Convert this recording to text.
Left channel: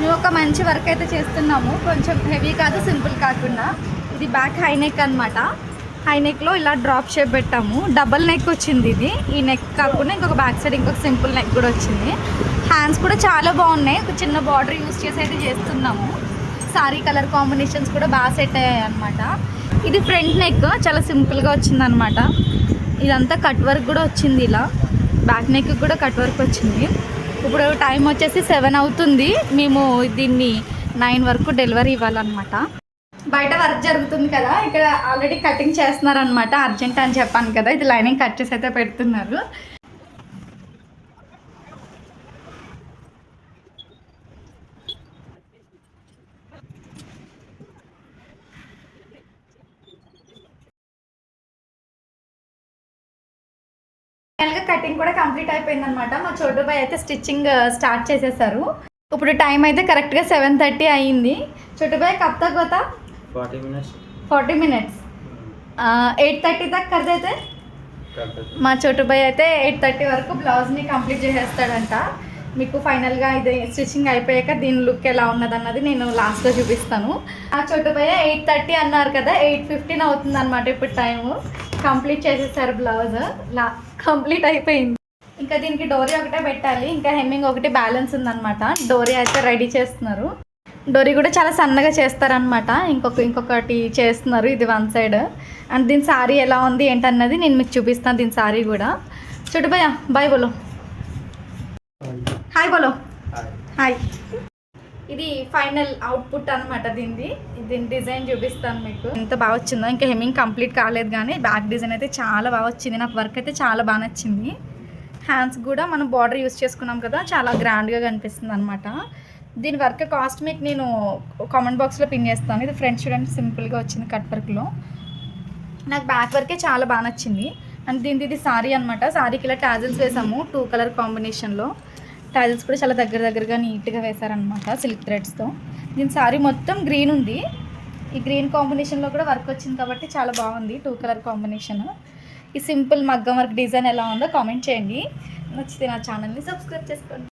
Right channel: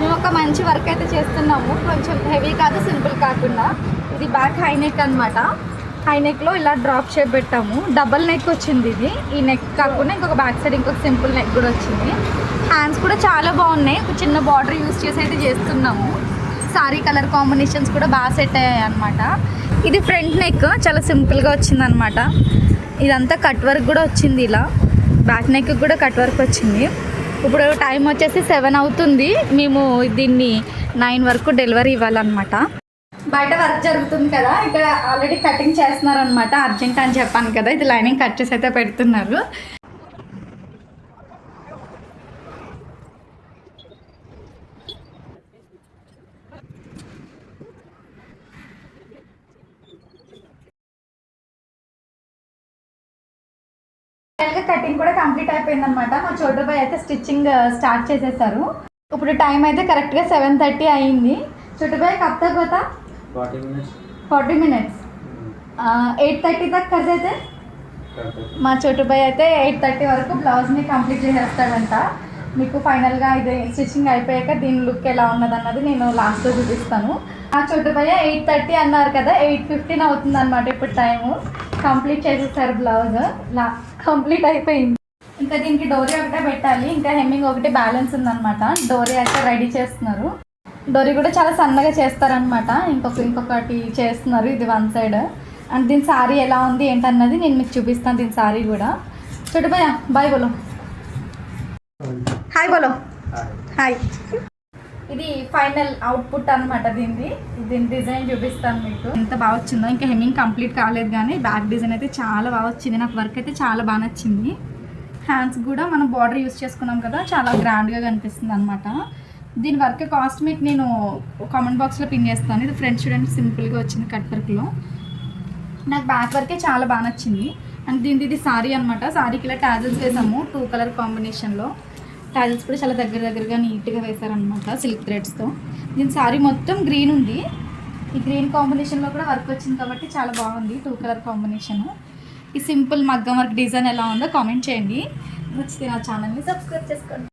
మేము ఒక మంచి వర్క్ అయితే చేస్తున్నాము, కొంచెం హెవీ కాదు సింపుల్ కాకుండా. ఇది బ్యాక్ హై నెక్ అనమాట. హై నెక్లో ఇలా డ్రాప్ షేప్ పెట్టాము, డబల్ నెక్ వచ్చింది ఇది. ఈ నెక్ కాకుండా ఇంకొక బ్యాక్ సైడ్ ఇంకొక సింపుల్ నెక్ కూడా వచ్చింది. హ్యాండ్స్ కూడా చాలా బాగున్నాయి, ఒక చిన్న బార్డర్ యూస్ చేసి అయితే చేస్తున్నాము. సారీ కలర్ కాంబినేషన్స్ కూడా బాగా సెట్ అయ్యాయి అనమాట. ఇది ఫ్రంట్ నెక్ చాలా సింపుల్గా వచ్చింది అనమాట. ఇదంతా కట్ వర్క్ కూడా వచ్చింది, ఇలా బ్యాక్ నెక్ కూడా కట్ వర్క్ వచ్చింది. ఇప్పుడు టైం వచ్చేసి 7 అవుతుంది, మేము దీన్ని 9 వరకు డెలివరీ ఇవ్వాలన్నమాట. బయట వర్క్ జరుగుతుంది కదా, ఇక్కడ ఆల్రెడీ కటింగ్ చేస్తున్నారనమాట. అర్జెంట్ అని చెప్పాను కదా, ఇది లైనింగ్ కట్ చేసి అయితే పెడుతున్నారు. కటింగ్ కూడా కంప్లీట్ అయిపోయింది అనమాట. మా చోటు బాయ్ అయితే స్టిచ్చింగ్ స్టార్ట్ చేసేసారు. ఇప్పుడు టైం అయితే కరెక్ట్గా 7:30 అయ్యింది. చోటు బాయ్ కబ్ తక్ హోతా? 40 minutes. 8:30 तक कर देते. మా చోటు బాయ్ అయితే 8:30 వరకు బ్లౌజ్ని కంప్లీట్ చేసేస్తాడంట. మీకు ఫైనల్గా ఇది స్టిచ్చింగ్ అయిపోయాక దీని లుక్ ఎలా ఉన్నదన్నది నేను లాస్ట్లో చూపిస్తాను. ఆ చోటు బాయ్ 8:30 అన్నారు కదా, 8:15 అవుతుంది అనమాట ఇప్పుడు టైము. కంప్లీట్ చేసేసారు బ్లౌజ్, కంప్లీట్ అయిపోయింది. ఇంకా దీనికి డోరీ ఒకటే పెట్టాలి, ఇంకా హెమ్మింగ్ ఒకటి బ్యాలెన్స్ ఉందన్నమాట. డోరీ అయితే రెడీ చేస్తున్నారు. డోరీ కూడా చాలా సన్నగా చేస్తారనమాట. ఇంకొకటి చేస్తున్నారు, ఇది వన్ సైడ్. అండ్ దీని సారీ ఎలా ఉంది ఏంటన్నది నేను మీకు చూపిస్తాను. దీని సారీ కూడా చూడు భయ్య, బాయ్ బోలో, హాయ్ బోలో, హాయ్. ఇది ఫైనల్ అవుట్పుట్ అనమాట. దీని డిజైన్ చూపిస్తాను మీకు, ఎంత బాగా వచ్చిందో. ఇంకా హెమ్మింగ్ కంప్లీట్ కాలేదు కానీ బ్యాక్ డిజైన్ అయితే చాలా బాగా వచ్చింది. నాకు వర్క్ అయితే చాలా బాగా నచ్చింది. హ్యాండ్స్ కూడా మనం బార్డర్ యూస్ చేసుకున్నాం కదా, చాలా గ్రాండ్గా కనిపిస్తుంది అనమాట. దీని వర్క్ కాస్ట్ మీకు నేను కామెంట్ బాక్స్లో పిన్ చేస్తాను. ఇది ఫ్రంట్ చూడండి, సింపుల్గా వచ్చింది కట్ వర్క్లో. నాకు బ్యాక్ వర్కే చాలా బాగా నచ్చింది. అండ్ ఇది సారీ అనమాట. సారీకి ఇలా టాజిల్స్ వేసాము 2 కలర్ కాంబినేషన్లో. టాజిల్స్ కూడా చాలా దగ్గరగా నీట్గా వేసారనమాట సిల్క్ థ్రెడ్స్తో. దీని సారీ మొత్తం గ్రీన్ ఉంది, ఈ గ్రీన్ కాంబినేషన్లో కూడా వర్క్ వచ్చింది కాబట్టి చాలా బాగుంది 2 కలర్ కాంబినేషన్. ఈ సింపుల్ మగ్గం వర్క్ డిజైన్ ఎలా ఉందో కామెంట్ చేయండి. నచ్చితే నా ఛానల్ని సబ్స్క్రైబ్ చేసుకోండి.